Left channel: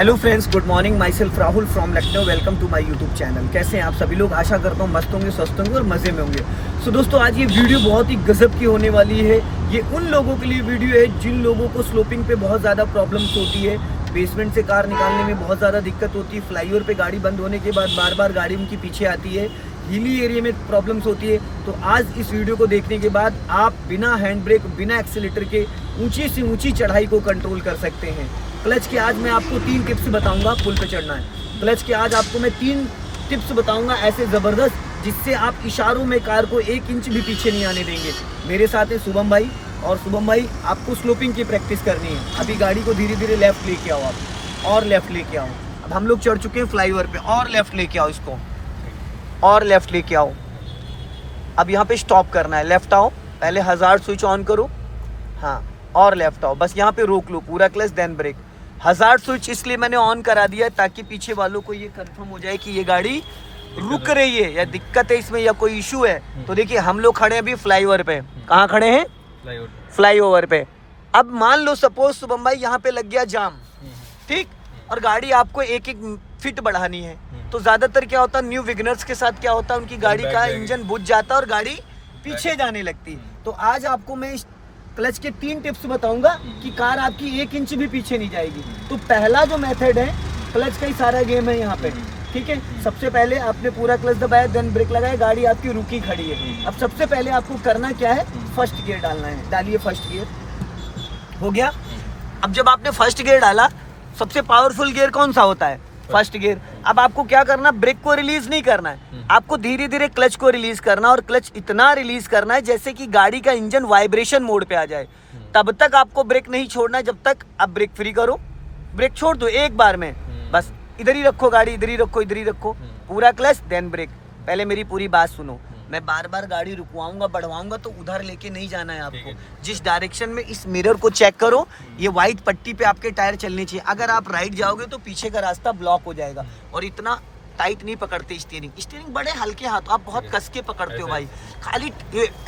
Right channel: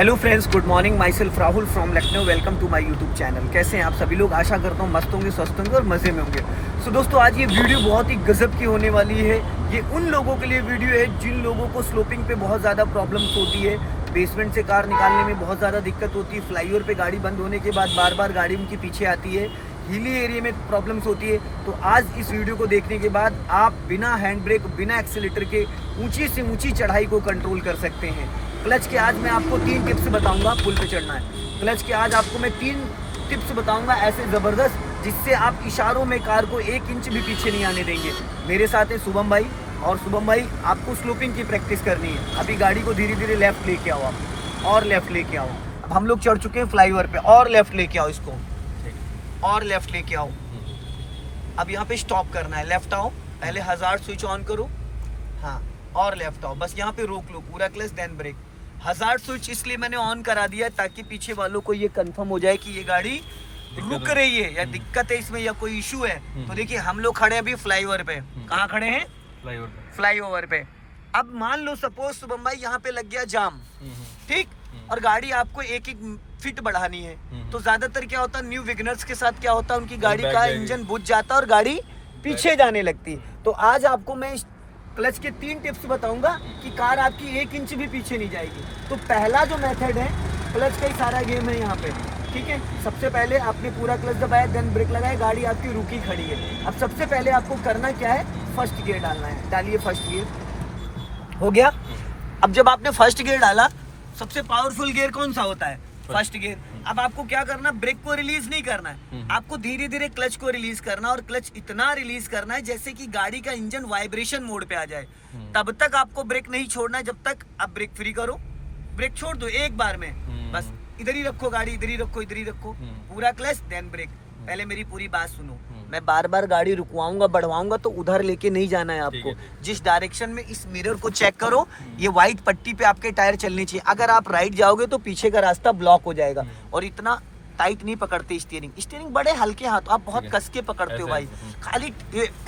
Hello friends, good morning. Myself Rahul from Lucknow. Welcome to my YouTube channel. कैसे हैं आप सभी लोग? आशा करता हूँ मस्त होंगे, स्वस्थ होंगे और मज़े में होंगे। सो दोस्तों, आज ये वीडियो बहुत ही गजब की होने वाली है। ये उन लोगों के लिए वीडियो है जिन लोगों को स्लोपिंग पे बहुत ज़्यादा प्रॉब्लम्स होती है, बेसमेंट से कार निकालने में बहुत ज़्यादा दिक्कत होती है, फ्लाईओवर पे गाड़ी बंद होने के बाद बार बार गाड़ी उनकी पीछे आती है, हिली एरिया में प्रॉब्लम्स होती है। तो आज इस वीडियो को देखने के बाद आप बिना हैंड ब्रेक, बिना एक्सीलेटर के ऊंची से ऊंची चढ़ाई को कंट्रोल कर सकते हैं। क्लच के आज मैं आपको 3 टिप्स बताऊंगा। पुल पे चढ़ना है, क्लच के आज आपको मैं 3 टिप्स बताऊंगा ऐसे ज़बरदस्त, जिससे आप इशारों में कार को 1 इंच भी पीछे नहीं आने देंगे। मेरे साथ है शुभम भाई, और शुभम भाई आपको स्लोपिंग की प्रैक्टिस करनी है। अभी गाड़ी को धीरे धीरे लेफ्ट लेके आओ आप, और लेफ्ट लेके आओ। अब हम लोग चढ़ चुके हैं फ्लाईओवर पे, और लेफ्ट लेके आओ इसको, और लेफ्ट लेके आओ। अब यहाँ पे स्टॉप करना है, लेफ्ट आओ, पहले हज़ार्ड स्विच ऑन करो, हाँ, और लेफ्ट आओ। बस यहाँ पे रोक लो, पूरा clutch then brake. Hazard switch इसलिए मैंने ऑन करा दिया है ताकि पीछे वालों को ये कंफर्म हो जाए कि ये गाड़ी रुक रही है या दिक्कत है इसमें या कोई इशू है। तो देखिए, हम लोग खड़े हैं अभी फ्लाईओवर पे। कहाँ खड़े हैं? फ्लाईओवर पे। अब मान लो सपोज शुभम भाई यहाँ पे लग गया जाम, ठीक, और गाड़ी आपको 1-1 फीट बढ़ानी है। तो ज्यादातर क्या होता है, न्यू विगनर्स के साथ क्या होता है, उनकी गाड़ी का इंजन बुझ जाता है और गाड़ी पीछे जाने लगती है। तो आज आपको मैं क्लच के 3 टिप्स बताऊंगा कि कार आपकी 1 इंच भी पीछे नहीं जाएगी। तो पहला जो मेथड है, क्लच का ही सारा गेम है यहाँ पे, ठीक है। सबसे पहले आपने पूरा क्लच दबाया, देन ब्रेक लगाया, गाड़ी आपकी रुकी खड़ी है। अब सबसे पहले आपको करना क्या है, फर्स्ट गियर डालना है। डालिए फर्स्ट गियर, हो गया। अब जब आपने फर्स्ट गियर डाला, सबसे पावरफुल गियर कौन सा होता है? First gear. अब आपको क्या करना, ब्रेक को रिलीज नहीं करना है, आपको धीरे धीरे क्लच को रिलीज करना, और क्लच इतना रिलीज करना है जैसे कि गाड़ी का इंजन वाइब्रेशन मोड पे आ जाए। तब तक आपको ब्रेक नहीं छोड़ना है जब तक आप ब्रेक फ्री करो। ब्रेक छोड़ दो एक बार में, बस इधर ही रखो गाड़ी, इधर ही रखो, इधर ही रखो, पूरा क्लच देन ब्रेक। पहले मेरी पूरी बात सुनो, मैं बार बार गाड़ी रुकवाऊंगा, बढ़वाऊंगा तो उधर लेके नहीं जाना है आपको। जिस डायरेक्शन में, इस मिरर को चेक करो, ये व्हाइट पट्टी पे आपके टायर चलने चाहिए। अगर आप राइट जाओगे तो पीछे का रास्ता ब्लॉक हो जाएगा। और इतना टाइट नहीं पकड़ते स्टीयरिंग बड़े हल्के हाथ, आप बहुत कस के पकड़ते हो भाई, खाली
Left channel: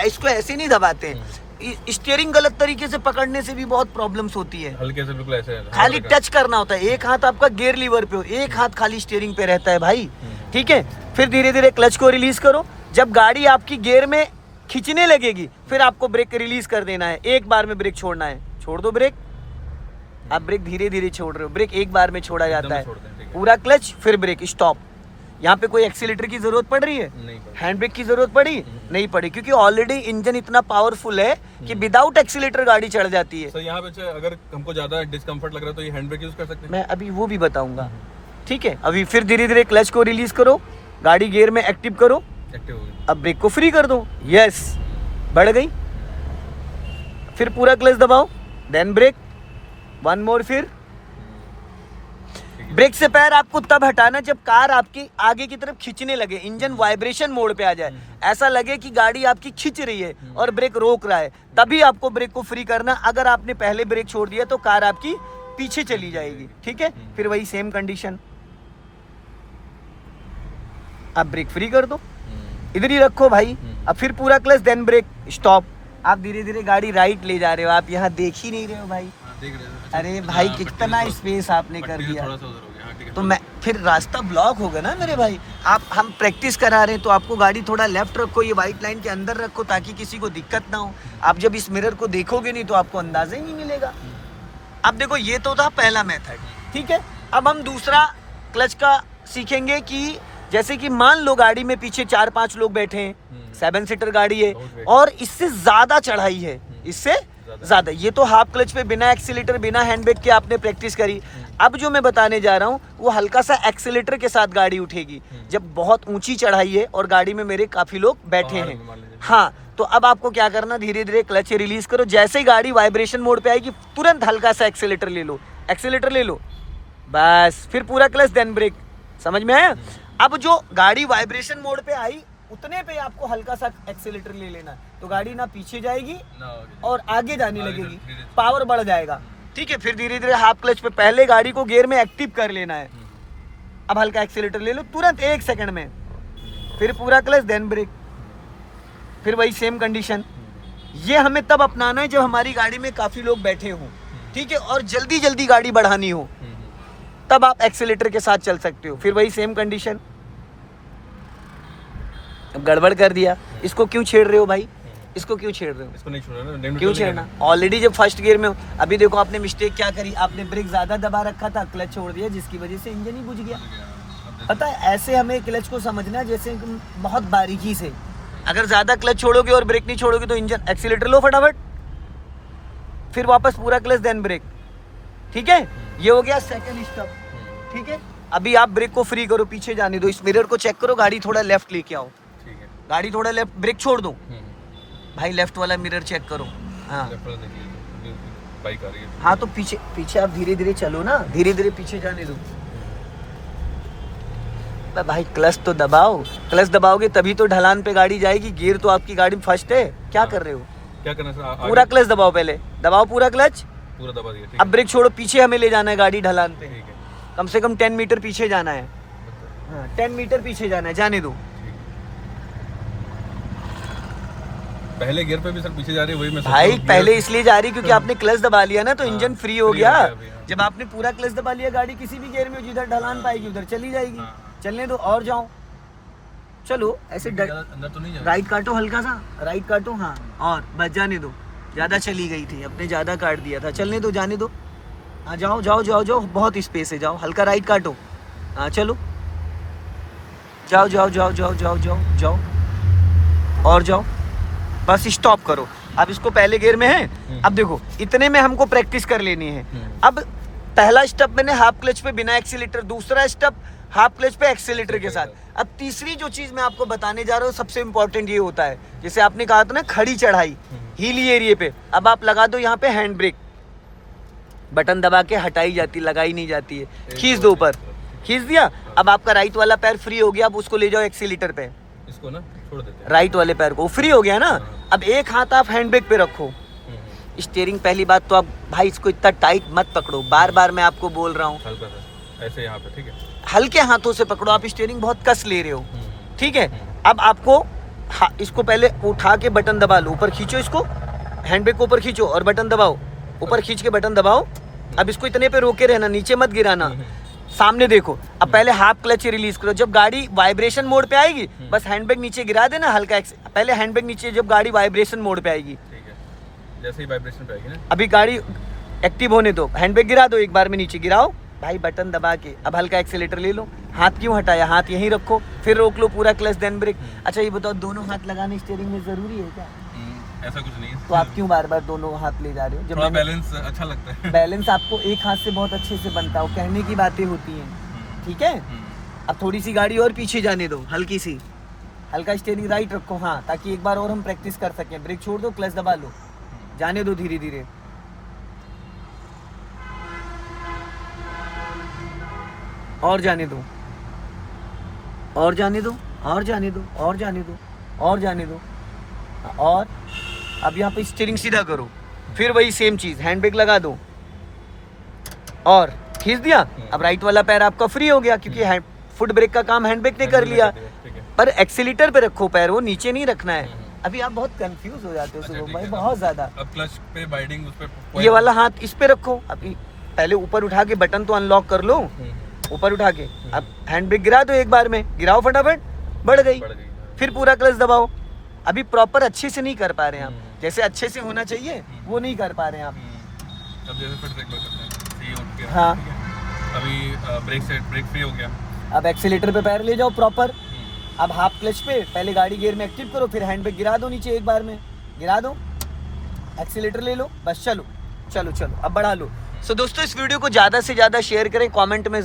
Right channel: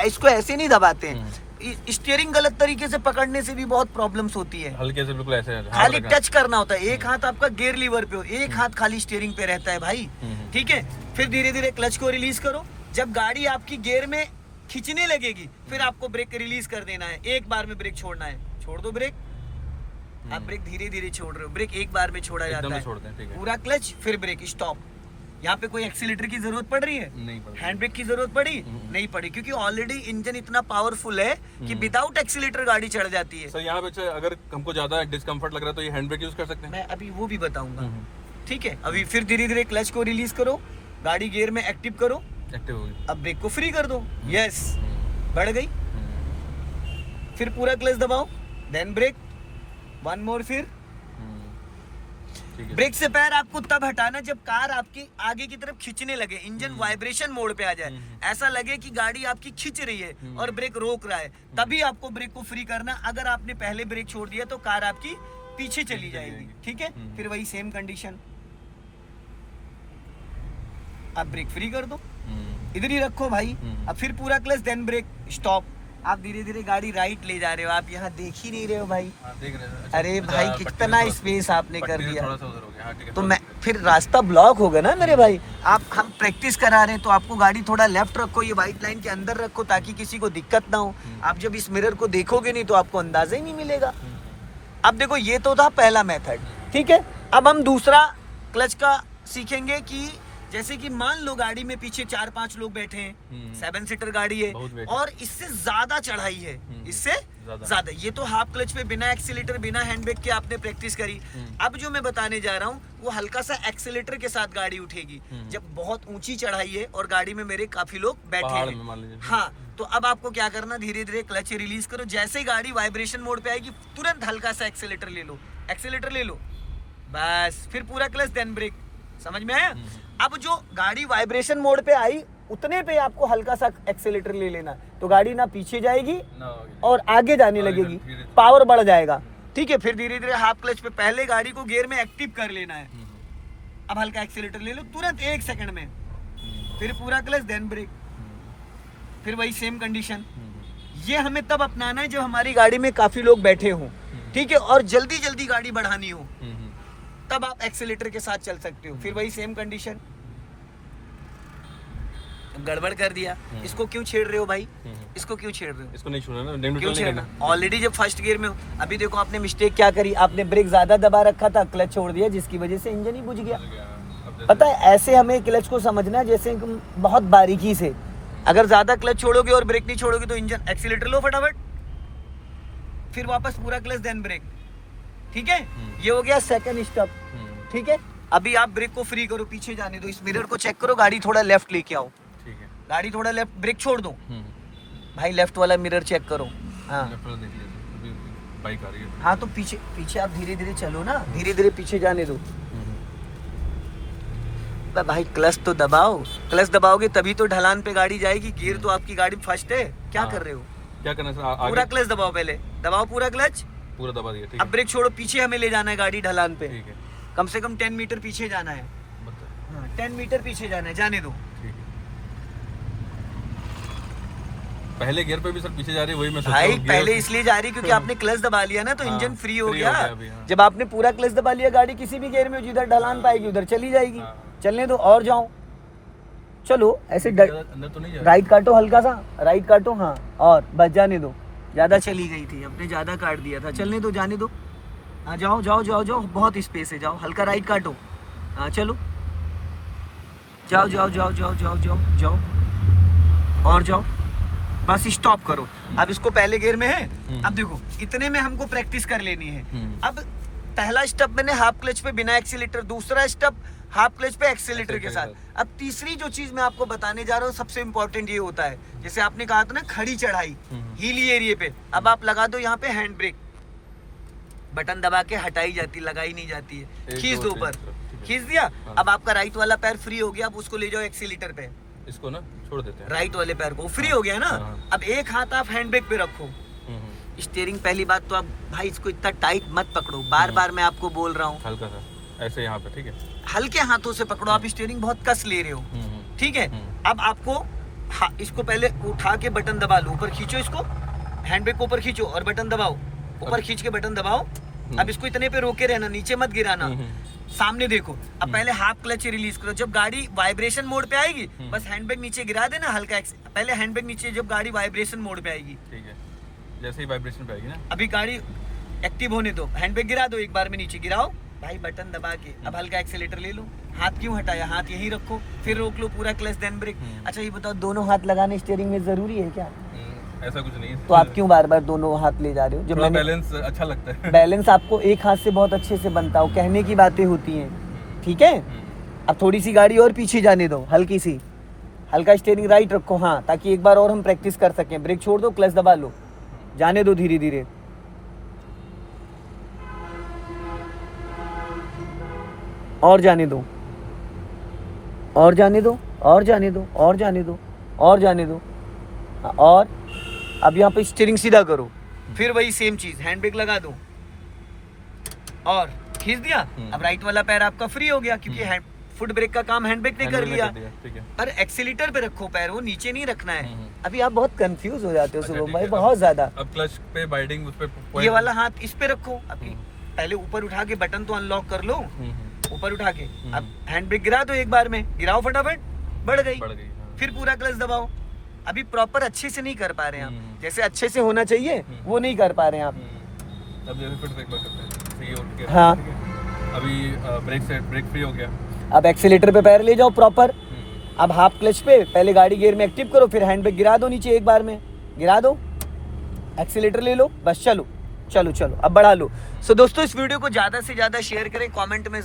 इसको ऐसे नहीं दबाते हैं। स्टीयरिंग गलत तरीके से पकड़ने से भी बहुत प्रॉब्लम्स होती है। हल्के से बिल्कुल ऐसे खाली टच करना होता है, एक हाथ आपका गियर लीवर पे हो, एक हाथ खाली स्टीयरिंग पे रहता है भाई, ठीक है। फिर धीरे धीरे क्लच को रिलीज करो। जब गाड़ी आपकी गियर में खींचने लगेगी, फिर आपको ब्रेक रिलीज कर देना है, एक बार में ब्रेक छोड़ना है। छोड़ दो ब्रेक, आप ब्रेक धीरे धीरे छोड़ रहे हो, ब्रेक एक बार में छोड़ा जाता है, पूरा क्लच फिर ब्रेक, स्टॉप। यहाँ पे कोई एक्सीलेटर की जरूरत पड़ रही है? हैंड ब्रेक की जरूरत पड़ी? नहीं पड़ी, क्योंकि ऑलरेडी इंजन इतना पावरफुल है कि विदाउट एक्सीलेटर गाड़ी चढ़ जाती है। सर यहाँ पे अगर हमको ज्यादा डिस्कम्फर्ट लग रहा है तो ये हैंड ब्रेक यूज कर सकते हैं? मैं अभी वो भी बताऊंगा, ठीक है। अभी फिर धीरे धीरे क्लच को रिलीज करो, गाड़ी गियर में एक्टिव करो, अब ब्रेक को फ्री कर दो, यस, बढ़ गई। फिर पूरा क्लच दबाओ, देन ब्रेक, 1 मोर, फिर ब्रेक से पैर आपको तब हटाना जब कार आपकी आगे की तरफ खींचने लगे, इंजन वाइब्रेशन मोड पे आ जाए, ऐसा लगे कि गाड़ी आपकी खींच रही है और ब्रेक रोक रहा है, तभी आपको ब्रेक को फ्री करना। अगर आपने पहले ब्रेक छोड़ दिया तो कार आपकी पीछे चली जाएगी, ठीक है। फिर वही सेम कंडीशन, अब ब्रेक फ्री कर दो, इधर ही रखो भाई। अब फिर पूरा क्लच देन ब्रेक, स्टॉप। आप धीरे धीरे गाड़ी राइट ले जा रहे हो, आप यहाँ देख ही नहीं रहे हो भाई। अरे भाई, कितना स्पेस आपने कर दिया, तो मैं फिर रास्ता ब्लॉक होगा ना मेरे भाई। हम प्रैक्टिस करा रहे हैं तो आपको गाड़ी थोड़ा लेफ्ट रखो, ये व्हाइट लाइन के अंदर रखो ताकि किसी को दिक्कत ना हो। आप जब इस मिरर को देखोगे नहीं तो आपको अंदाजा ही नहीं मिलेगा। अब देखो, ये तो था पहला मेथड, ठीक है। अब हम दूसरा क्लच का सीखेंगे कि जैसे कि मान लो गाड़ी में पीछे 4-5 लोग बैठे हैं, 7 सीटर गाड़ी है और इससे ज्यादा चढ़ाई है, इससे ज्यादा, ये तो हाफ क्लच पे बिना एक्सीलेटर, बिना हैंड ब्रेक के आपने प्रैक्टिस करी। अब जो मैं बताने जा रहा हूँ वो हल्का सा एक्सीलेटर के साथ गाड़ी उठेगी जब बहुत ऊंची चढ़ाई है और गाड़ी में मेरे काफी लोग बैठे हैं, हाँ। तो अब आपको क्या करना, धीरे धीरे क्लच रिलीज करो, जैसे ही गाड़ी वाइब्रेशन मोड पे आएगी तुरंत हल्का सा एक्सीलेटर ले लो, एक्सीलेटर ले लो, बस। फिर पूरा क्लच देन ब्रेक, समझ में आया? अब जो गाड़ी वाइब्रेशन मोड पे आई उतने पे आपको हल्का सा एक्सीलेटर ले लेना, तो गाड़ी ना पीछे जाएगी और आगे जाने लगेगी, पावर बढ़ जाएगा, ठीक है। फिर धीरे धीरे हाफ क्लच पे पहले गाड़ी को गियर में एक्टिव कर लेना है, अब हल्का एक्सीलेटर ले लो तुरंत 1 सेकंड में, फिर पूरा क्लच देन ब्रेक, फिर वही सेम कंडीशन। ये हमें तब अपनाना है जब हमारी गाड़ी में काफी लोग बैठे हों, ठीक है, और जल्दी जल्दी गाड़ी बढ़ानी हो। तब आप एक्सीलेटर के साथ चल सकते हो। फिर वही सेम कंडीशन, अब गड़बड़ कर दिया, इसको क्यों छेड़ रहे हो भाई, इसको क्यों छेड़ रहे हो, इसको नहीं छोड़ना, क्यों छेड़ना? ऑलरेडी जब फर्स्ट गियर में हो, अभी देखो आपने मिस्टेक क्या करी, आपने ब्रेक ज्यादा दबा रखा था, क्लच छोड़ दिया, जिसकी वजह से इंजन ही बुझ गया। पता है, ऐसे हमें क्लच को समझना है जैसे बहुत बारीकी से। अगर ज्यादा क्लच छोड़ोगे और ब्रेक नहीं छोड़ोगे तो इंजन, एक्सीलेटर लो फटाफट, फिर वापस पूरा क्लच देन ब्रेक, ठीक है। ये हो गया सेकंड स्टेप, ठीक है। अभी आप ब्रेक को फ्री करो, पीछे जाने दो, इस मिरर को चेक करो, गाड़ी थोड़ा लेफ्ट लेके आओ, ठीक है, गाड़ी थोड़ा लेफ्ट, ब्रेक छोड़ दो भाई, लेफ्ट वाला मिरर चेक करो। हाँ बाइक आ रही है। हाँ, तो पीछे पीछे आप धीरे धीरे चलो ना, धीरे धीरे पीछे जाने दो। भाई क्लच तो दबाओ, क्लच दबाओगे तभी तो ढलान पे गाड़ी जाएगी। गियर तो आपकी गाड़ी फर्स्ट है, क्या कर रहे हो? क्या करना है? पूरा क्लच दबाओ, पहले दबाओ पूरा क्लच, पूरा दबा दिया, ठीक अब ब्रेक छोड़ो, पीछे हमें ले जाना है गाड़ी ढलान पे, ठीक है, कम से कम 10 मीटर पीछे जाना है। हाँ, 10 मीटर पीछे जाना है, जाने दो। ठीक है। पहले गियर पे भी सर पीछे जा रही है, वही मैं सोच भाई रहा हूँ, पहले गियर- इसलिए जा रही क्योंकि आपने क्लच दबा लिया ना, तो हाँ, इंजन फ्री हो free गया। हो गया अभी, हाँ। जब आपने पूरा क्लच दबा लिया, गाड़ी किसी भी गियर में जिधर ढलान पाएगी उधर चली जाएगी। हाँ। चलने दो और जाओ, चलो ऐसे अंदर तो नहीं जा रहा। राइट काटो, हल्का सा राइट काटो, हाँ, और बस जाने दो। ज़्यादा चली गई थी, अपने ज़्यादा काट दिया था, चलने दो, जाने दो। हाँ जाओ जाओ जाओ जाओ, बहुत स्पेस है, जाओ, हल्का राइट काटो, हाँ चलो, जाओ जाओ जाओ जाओ जाओ जाओ जाओ, और जाओ, बस स्टॉप करो। अब इसको पहले गियर में है, अब देखो इतने में हमको प्रैक्टिस कर लेनी है। अब पहला स्टेप मैंने हाफ क्लच पे बिना एक्सीलेटर, दूसरा स्टेप हाफ क्लच पे एक्सीलेटर के साथ। अब तीसरी जो चीज मैं आपको बताने जा रहा हूँ, सबसे इंपॉर्टेंट ये होता है, जैसे आपने कहा था ना खड़ी चढ़ाई, हीली एरिया पे, अब आप लगा दो यहाँ पे हैंड ब्रेक, बटन दबा के हटाई जाती, लगाई नहीं जाती है, खींच दो ऊपर, खींच दिया। अब आपका राइट वाला पैर फ्री हो गया, अब उसको ले जाओ एक्सीलेटर पे, इसको ना छोड़ देते हैं। राइट वाले पैर को फ्री हो गया ना। अब एक हाथ आप हैंड ब्रेक पे रखो, स्टीयरिंग, पहली बात तो आप भाई इसको इतना टाइट मत पकड़ो, बार बार मैं आपको बोल रहा हूँ, हल्का सा ऐसे यहाँ पे, ठीक है, हल्के हाथों से पकड़ो, आप स्टीयरिंग बहुत कस ले रहे हो, ठीक है। अब आपको इसको पहले उठा के बटन दबा लो, ऊपर खींचो, इसको हैंड ब्रेक को ऊपर खींचो और बटन दबाओ, ऊपर खींच के बटन दबाओ। अब इसको इतने पे रोके रहना, नीचे मत गिराना, सामने देखो। अब पहले हाफ क्लच रिलीज करो, जब गाड़ी वाइब्रेशन मोड पे आएगी बस हैंड ब्रेक नीचे गिरा देना, हल्का पहले हैंड ब्रेक नीचे, जब गाड़ी वाइब्रेशन मोड पे आएगी, ठीक है, जैसे ही वाइब्रेशन पे आएगी ना, अभी गाड़ी एक्टिव होने दो, हैंड ब्रेक गिरा दो, एक बार में नीचे गिराओ भाई, बटन दबा के। अब हल्का एक्सीलेटर ले लो, हाथ क्यों हटाया, हाथ यहीं रखो, फिर रोक लो पूरा क्लच देन ब्रेक। अच्छा ये बताओ, दोनों हाथ लगाने स्टीयरिंग में जरूरी है क्या? ऐसा कुछ नहीं है। तो आप क्यों बार बार दोनों हाथ ले जा रहे हो? थोड़ा जब बैलेंस अच्छा लगता है। बैलेंस आपको एक हाथ से बहुत अच्छे से बनता हो, कहने की बातें होती हैं, ठीक है। अब थोड़ी सी गाड़ी और पीछे जाने दो, हल्की सी, हल्का स्टीयरिंग राइट रखो, हाँ, ताकि एक बार और हम प्रैक्टिस कर सकें। ब्रेक छोड़ दो, क्लच दबा लो, जाने दो धीरे धीरे, और जाने दो, और जाने दो, और जाने दो, और जाने दो, और जाने दो, और अब यहाँ पे स्टीयरिंग सीधा करो, फिर वही सेम चीज, हैंड ब्रेक लगा दो और खींच दिया। अब राइट वाला पैर आपका फ्री हो गया, क्योंकि फुट ब्रेक का काम हैंड ब्रेक ने कर लिया, ठीक है, पर एक्सीलेटर पे रखो पैर, वो नीचे नहीं रखना है। अभी आप बहुत कंफ्यूज हो जाते हो अच्छा, शुरू ठीक में, है। बहुत ज्यादा। अब क्लच पे बाइडिंग उस पे ये वाला हाथ इस पे रखो, अभी पहले ऊपर उठा के बटन तो अनलॉक कर लो, ऊपर उठा के। अब हैंड ब्रेक गिरा दो, एक बार में गिराओ फटाफट, बढ़ गई, फिर पूरा क्लच दबाओ। अभी प्रॉपर अच्छे से नहीं कर पा रहे हैं आप, जैसे अच्छे से होना चाहिए वो नहीं कर पा रहे हैं आप। अब जैसे फिर एक बार करते हैं, सही उठ के, हाँ। ठीक है। अभी ब्रेक फ्री हो गया, अब एक्सीलेटर पे पैर ले जाओ प्रॉपर। अब हाफ क्लच पे पहले गाड़ी गियर में एक्टिव करो, फिर हैंड ब्रेक गिरा दो नीचे, एक बार में गिरा दो, एक्सीलेटर ले लो, बस चलो चलो चलो, अब बढ़ा लो। सो दोस्तों इस वीडियो को ज़्यादा से ज़्यादा शेयर करें, कमेंट में